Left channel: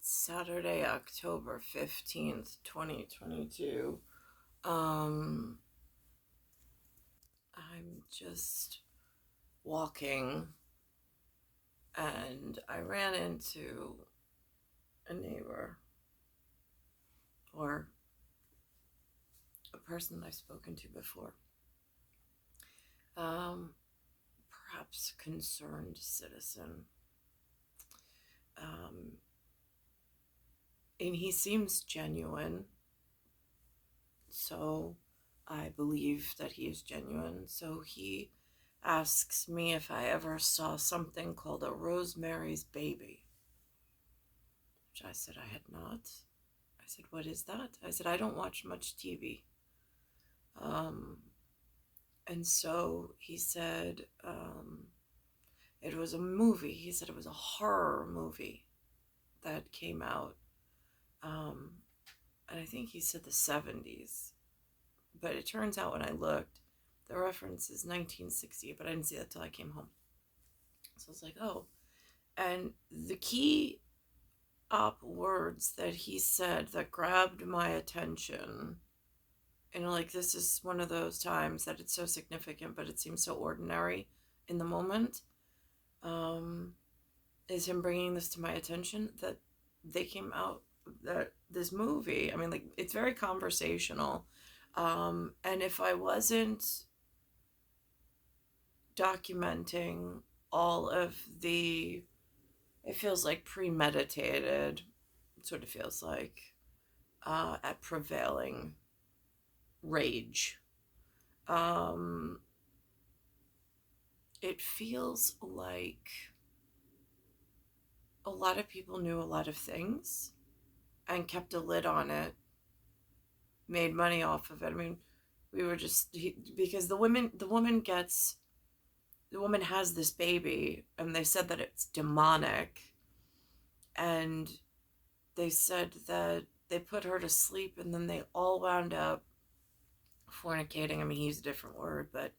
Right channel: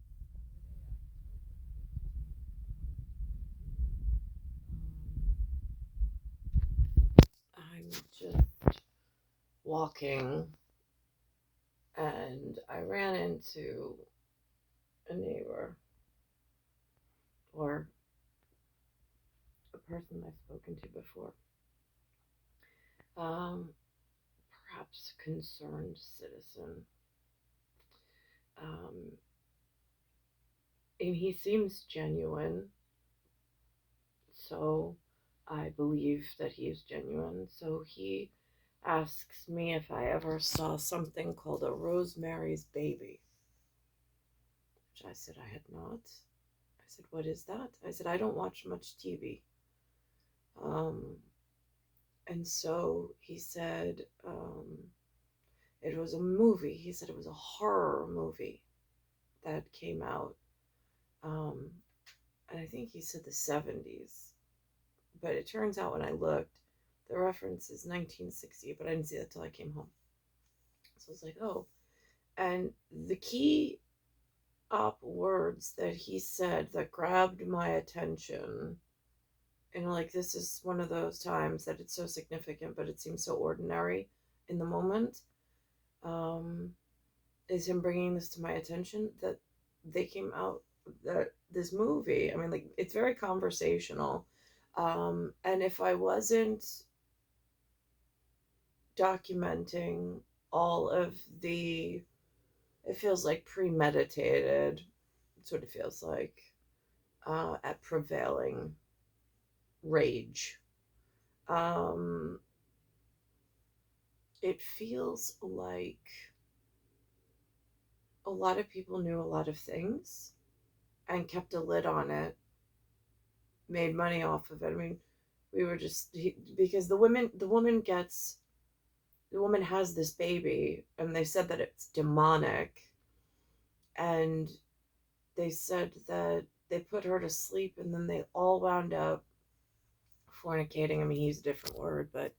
It's Saturday, October 15th, 2022. Um, I'm just walking and I ran into a neighbor or a person I've spoken to before. Um, Perhaps concerned citizen. Um, and he seems genuine, so I believe that he is genuine. So he asks me if I ever saw something called a Rosemary's Baby, which I said I had not. I said, "What is that?" I said, "I don't watch much TV." Um, and so he said, it was a movie. He said it was a horror movie that came out. Um, and I think he said the 70s. But it turns out when I looked, the reference is 1960, but I didn't see that till I came home. So I was like, oh. And the key up words that he said that grabbed my attention, and like this is one of those times that it's so significant, but it seems so ordinary in the moment, um, is him bringing this to my attention that they came out, that this movie, I mean, like, it's very conversational. And if I wasn't documenting all of the, it feels like premeditated, sort of feels like, at prevailing rage. Um, it feels like a lot of people knew a lot of things and kept a lid on it, made money off of it. I mean, we were just because the woman has this baby, and they said that it's demonic, and they said that they put her to sleep, and then they all wound up fornicating. I mean, he used a different word, but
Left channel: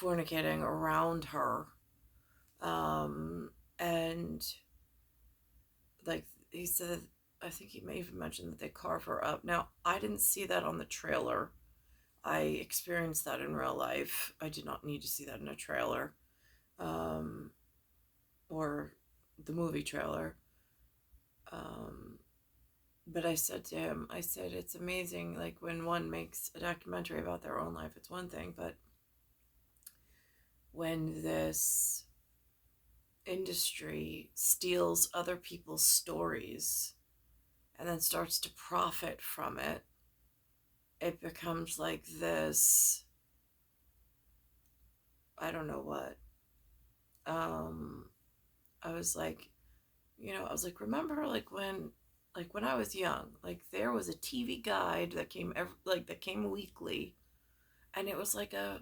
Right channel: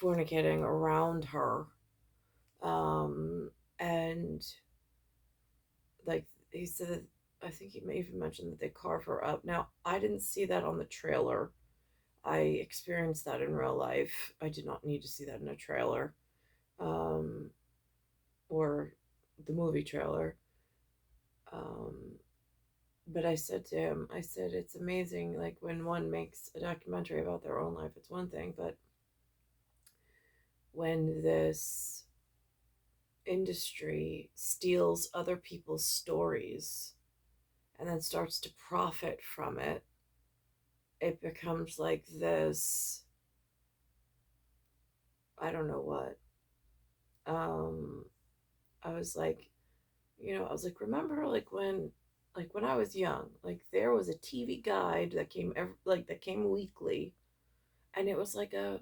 fornicating around her. And like he said, I think he may even mention that they carve her up. Now, I didn't see that on the trailer. I experienced that in real life. I did not need to see that in a trailer, um, or the movie trailer. Um, but I said to him, I said, it's amazing. Like when one makes a documentary about their own life, it's one thing, but when this industry steals other people's stories and then starts to profit from it, it becomes like this, I don't know what. Um, I was like, I was like, remember like when I was young, like there was a TV guide that that came weekly, and it was like a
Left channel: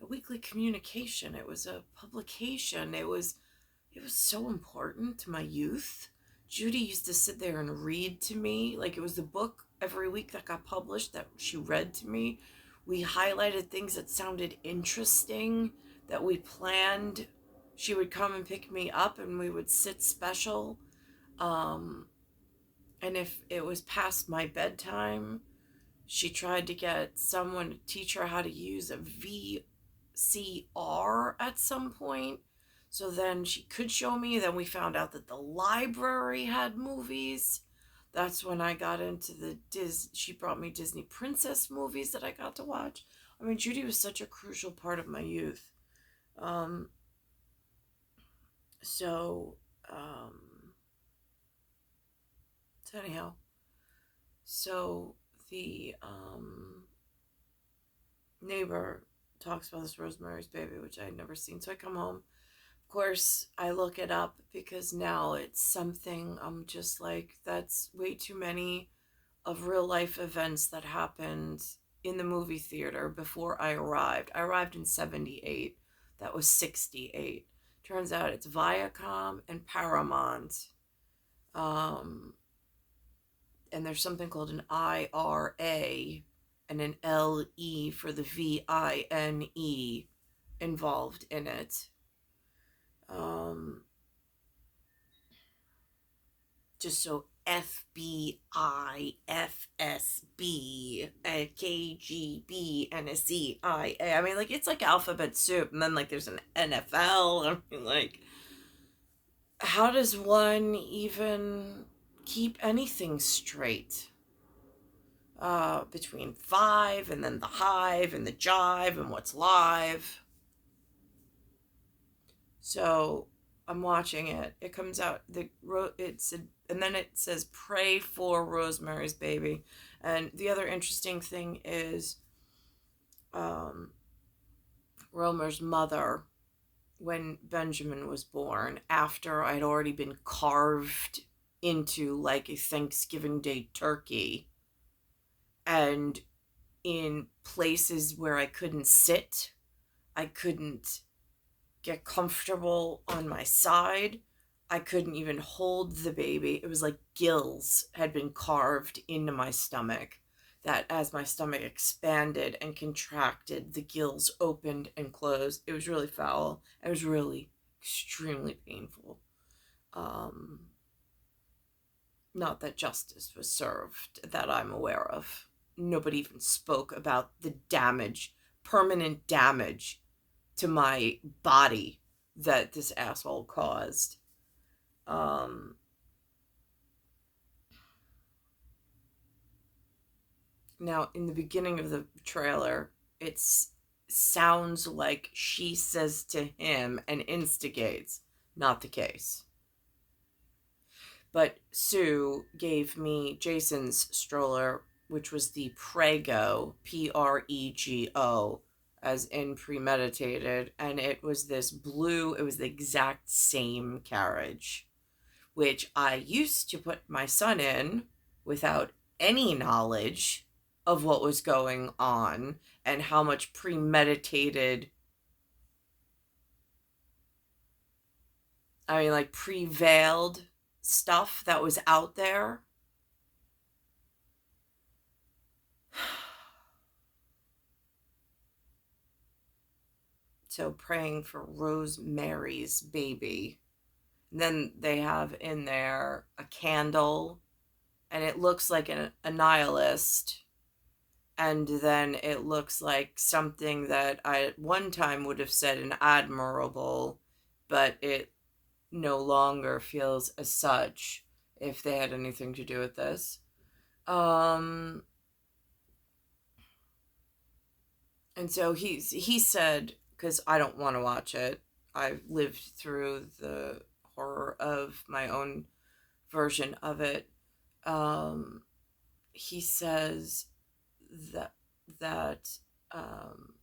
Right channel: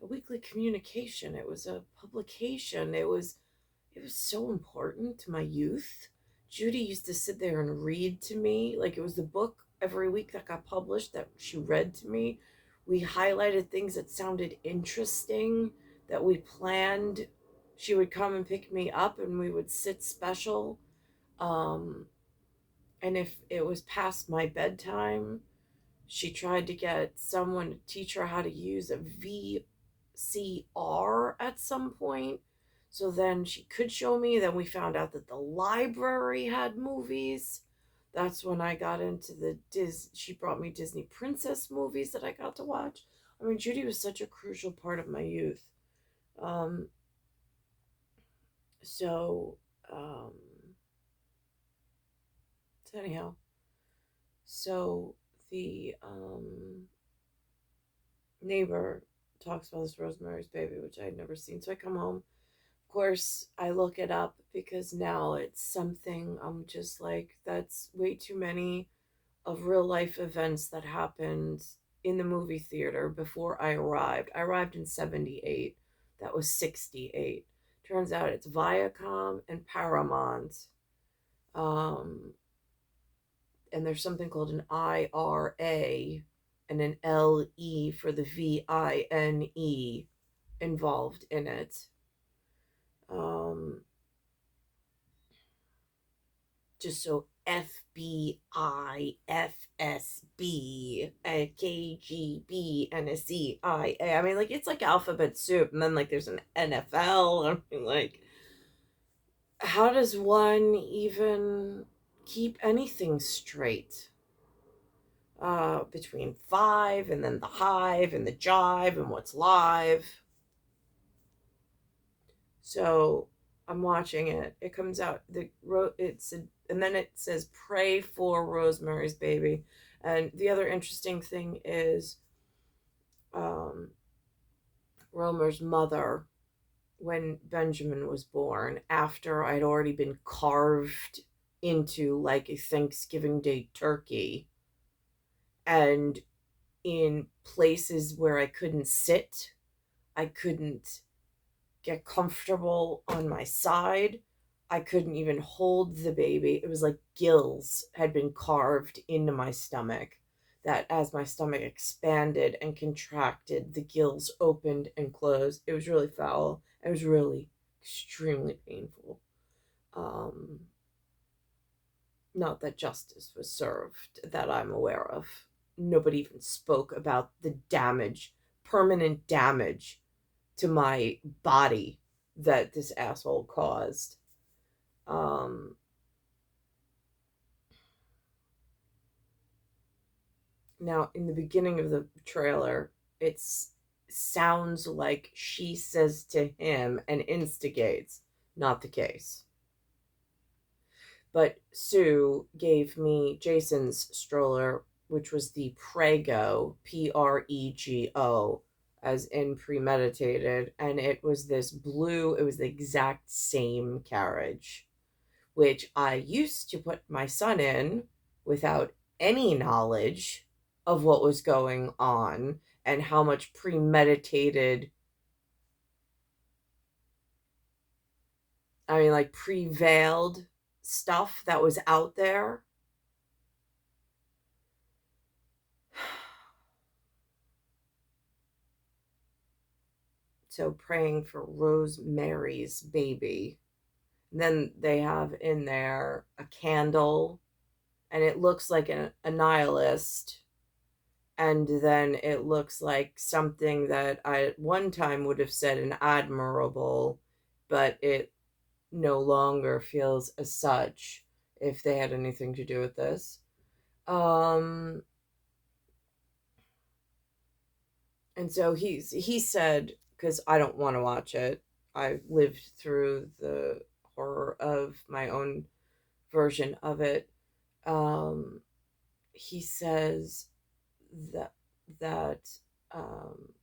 weekly communication. It was a publication. It was so important to my youth. Judy used to sit there and read to me. Like it was the book every week that got published that she read to me. We highlighted things that sounded interesting that we planned. She would come and pick me up and we would sit special. Um, and if it was past my bedtime, she tried to get someone to teach her how to use a VCR at some point. So then she could show me. Then we found out that the library had movies. That's when I got into she brought me Disney princess movies that I got to watch. I mean, Judy was such a crucial part of my youth. Um, so, um, so anyhow, so the neighbor talks about this Rosemary's Baby, which I had never seen. So I come home. Of course, I look it up because now it's something I'm just like, that's way too many of real life events that happened in the movie theater before I arrived. I arrived in 78. That was 68. Turns out it's Viacom and Paramount. Um, and there's something called an IRA and an LE for the VINE involved in it. Um, just so FBI, FSB, a KGB, and a CIA. I mean, like, it's like alphabet soup, and then like there's an NFL. I mean, like, how does one even keep anything straight? Between five and then the hive and the jive and what's live. So I'm watching it. It comes out and then it says pray for Rosemary's Baby. And the other interesting thing is um, Romer's mother, when Benjamin was born, after I'd already been carved into like a Thanksgiving Day turkey, and in places where I couldn't sit, I couldn't get comfortable on my side. I couldn't even hold the baby. It was like gills had been carved into my stomach. That as my stomach expanded and contracted, the gills opened and closed. It was really foul. It was really extremely painful. Um, Not that justice was served that I'm aware of. Nobody even spoke about the damage, permanent damage to my body that this asshole caused. Um, Now, in the beginning of the trailer, it sounds like she says to him and instigates. Not the case. But Sue gave me Jason's stroller, which was the Prego, Prego, as in premeditated. And it was this blue, it was the exact same carriage, which I used to put my son in without any knowledge of what was going on and how much premeditated, I mean, like prevailed stuff that was out there. So praying for Rosemary's Baby. And then they have in there a candle, and it looks like a nihilist. And then it looks like something that I at one time would have said an admirable, but it no longer feels as such if they had anything to do with this. Um, and so he said, because I don't want to watch it. I lived through the horror of my own version of it. Um, he says that that um,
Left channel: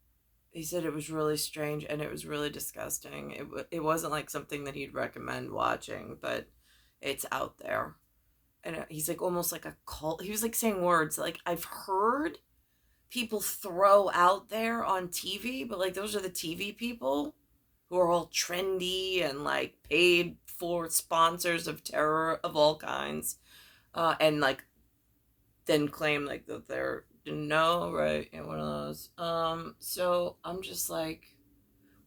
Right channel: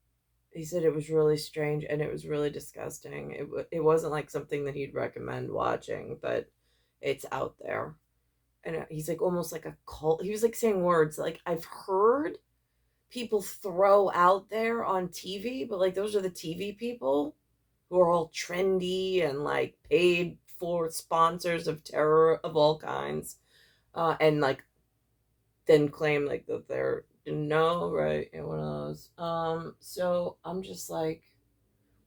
he said it was really strange and it was really disgusting. It wasn't like something that he'd recommend watching, but it's out there. And he's like almost like a cult. He was like saying words like I've heard people throw out there on TV, but like those are the TV people who are all trendy and like paid for sponsors of terror of all kinds, and like then claim like that they're no right and one of those. So I'm just like,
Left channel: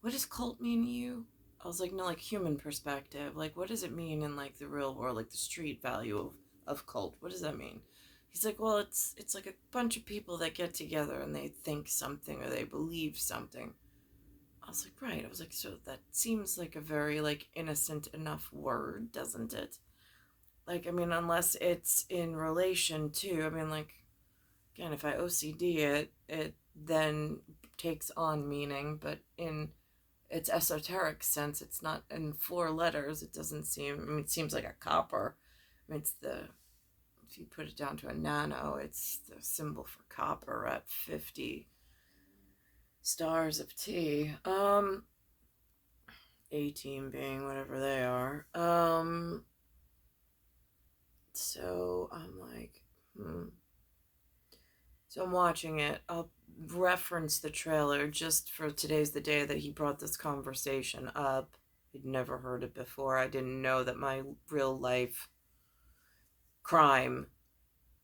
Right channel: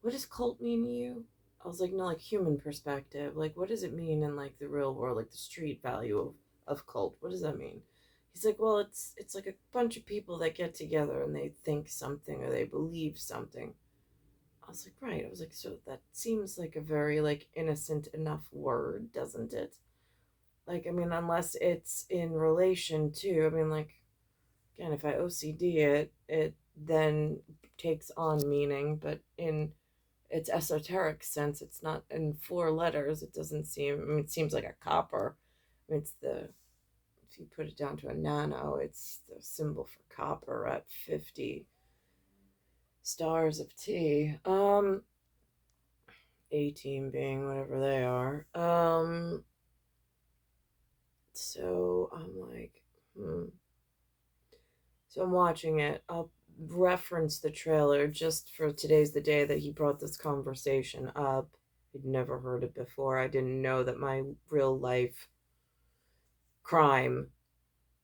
what does cult mean to you? I was like, no, like human perspective. Like, what does it mean in like the real world, like the street value of cult? What does that mean? He's like, well, it's like a bunch of people that get together and they think something or they believe something. I was like, right. I was like, so that seems like a very like innocent enough word, doesn't it? Like, I mean, unless it's in relation to, I mean, like, again, if I OCD it, it then takes on meaning, but in its esoteric sense, it's not in four letters. It doesn't seem, I mean, it seems like a copper. I mean, it's the, if you put it down to a nano, it's the symbol for copper at 50 stars of T. 18 being whatever they are. So I'm like, So I'm watching it. I'll reference the trailer just for today's the day that he brought this conversation up. I'd never heard it before. I didn't know that my real life crime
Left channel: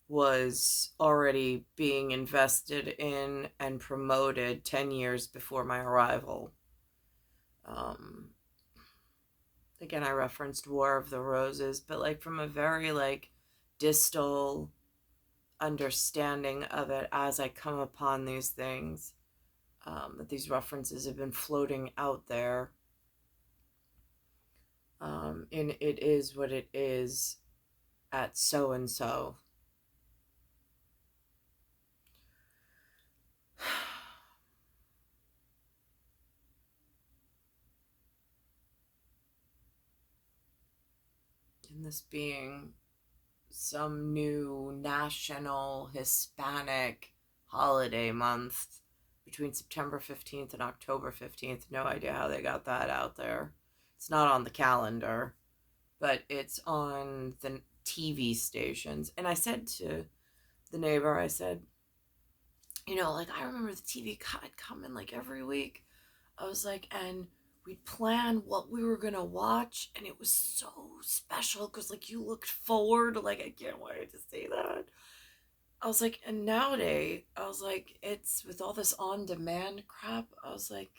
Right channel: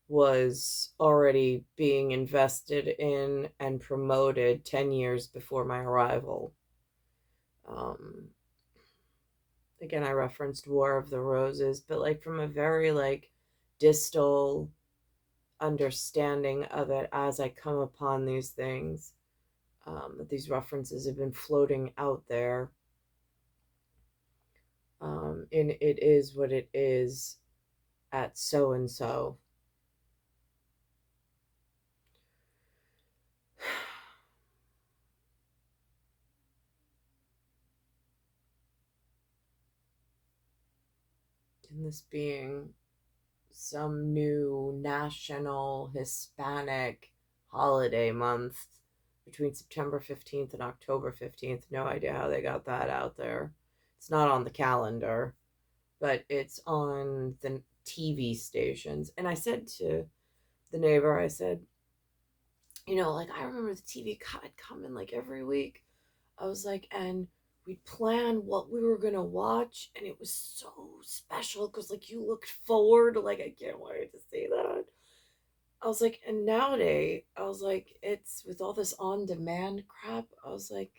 was already being invested in and promoted 10 years before my arrival. Um, again, I referenced War of the Roses, but like from a very like distal understanding of it as I come upon these things, that these references have been floating out there. In It Is What It Is at so and so. And this being some new national Hispanic holiday month between September 15th and October 15th. No idea how they got that out there. It's not on the calendar, but it's on the TV stations. And I said to the neighbor, I said, like I remember the TV would come in like every week. I was like, and we'd plan what we were gonna watch, and it was so special because like you looked forward, like I can't wait to see that. I was like, and nowadays, I was like, it's with all this on demand crap, I was like,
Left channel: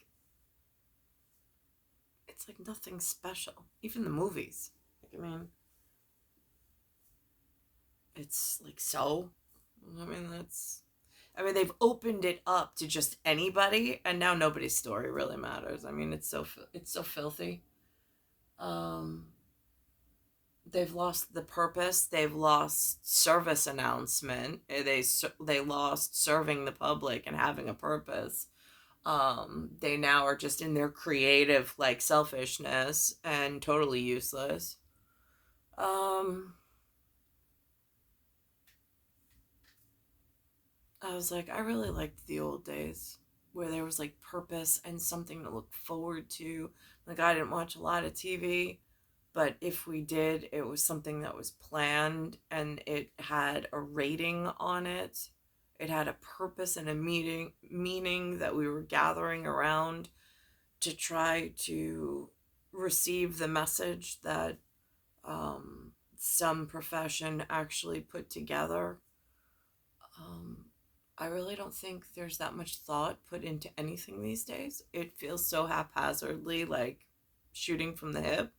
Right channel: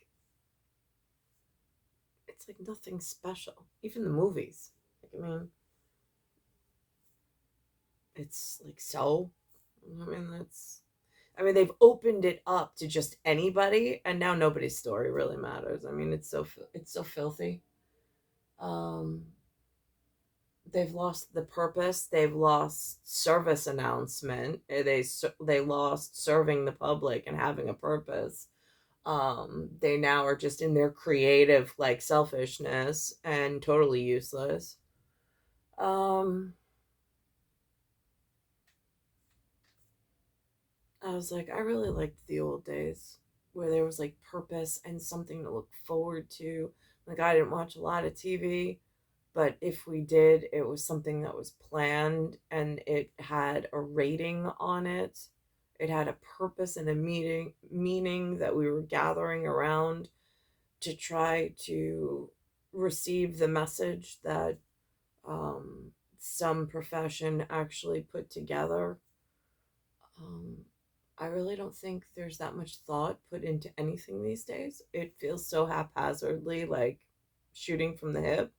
it's like nothing special. Even the movies. Like, I mean, it's like so. They've opened it up to just anybody, and now nobody's story really matters. I mean, it's so filthy. Um, they've lost the purpose. They've lost service announcement. They lost serving the public and having a purpose. They now are just in their creative like selfishness and totally useless. I was like, I really liked the old days where there was like purpose and something to look forward to. Like, I didn't watch a lot of TV, but if we did, it was something that was planned and it had a rating on it. It had a purpose and a meaning that we were gathering around to try to receive the message that some profession actually put together. Um, I really don't think there's that much thought put into anything these days. It feels so haphazardly, like shooting from the hip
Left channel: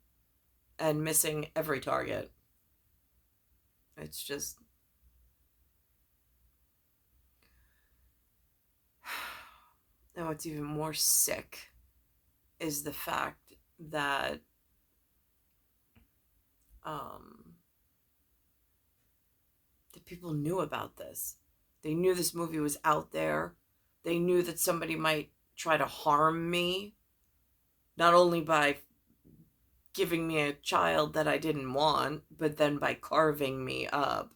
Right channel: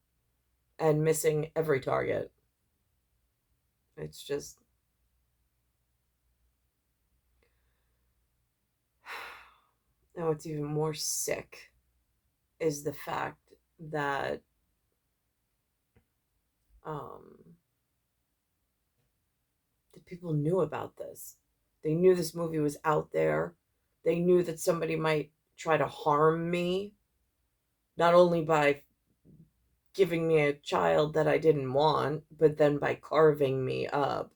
and missing every target. It's just. Now, what's even more sick is the fact that the people knew about this. They knew this movie was out there. They knew that somebody might try to harm me, not only by giving me a child that I didn't want, but then by carving me up.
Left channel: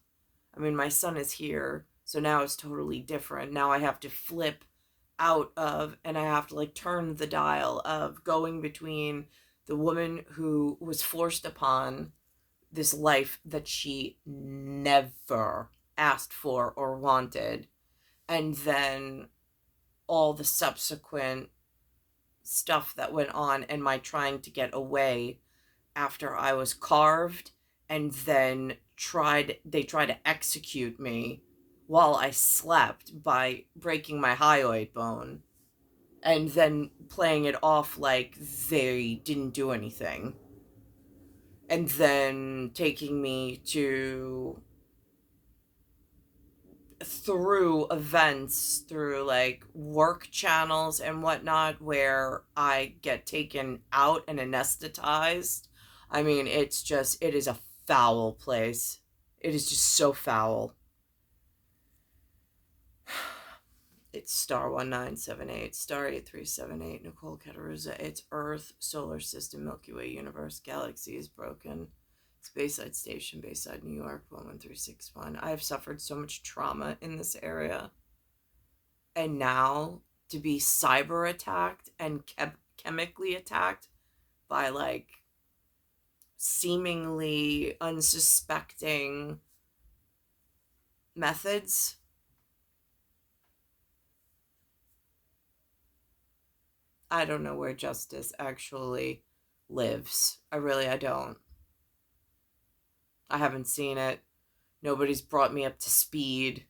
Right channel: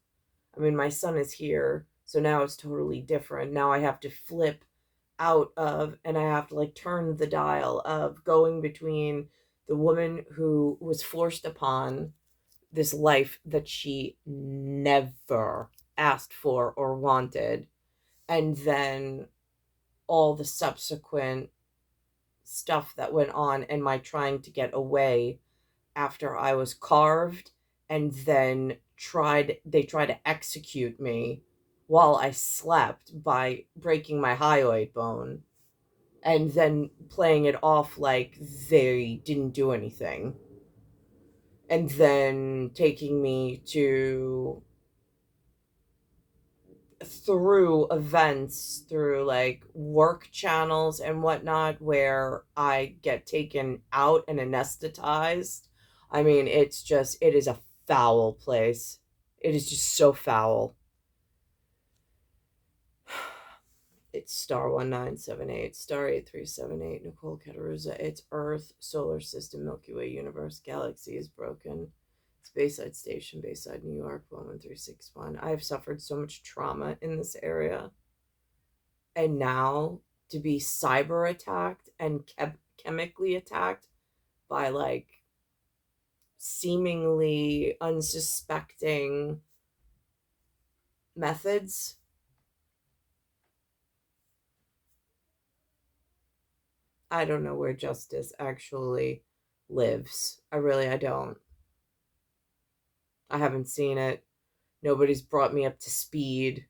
I mean, my son is here, so now it's totally different. Now I have to flip out of, and I have to like turn the dial of going between the woman who was forced upon this life that she never asked for or wanted, and then all the subsequent stuff that went on and my trying to get away after I was carved, and then they tried to execute me while I slept by breaking my hyoid bone and then playing it off like they didn't do anything, and then taking me to through events through like work channels and whatnot where I get taken out and anesthetized. I mean, it is a foul place. It is just so foul. It's star 1978, star 8378, Nicole, Cattaruzza. It's Earth, solar system, Milky Way, universe, galaxy is broken. Bayside Station, Bayside, New York, 11361. I have suffered so much trauma in this area. And now to be cyber attacked and chemically attacked by like seemingly unsuspecting methods. I don't know where justice actually lives. I don't. I haven't seen it. Nobody's brought me up to speed.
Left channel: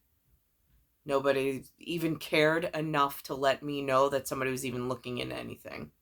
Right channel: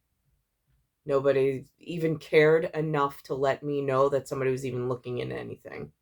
Nobody even cared enough to let me know that somebody was even looking into anything.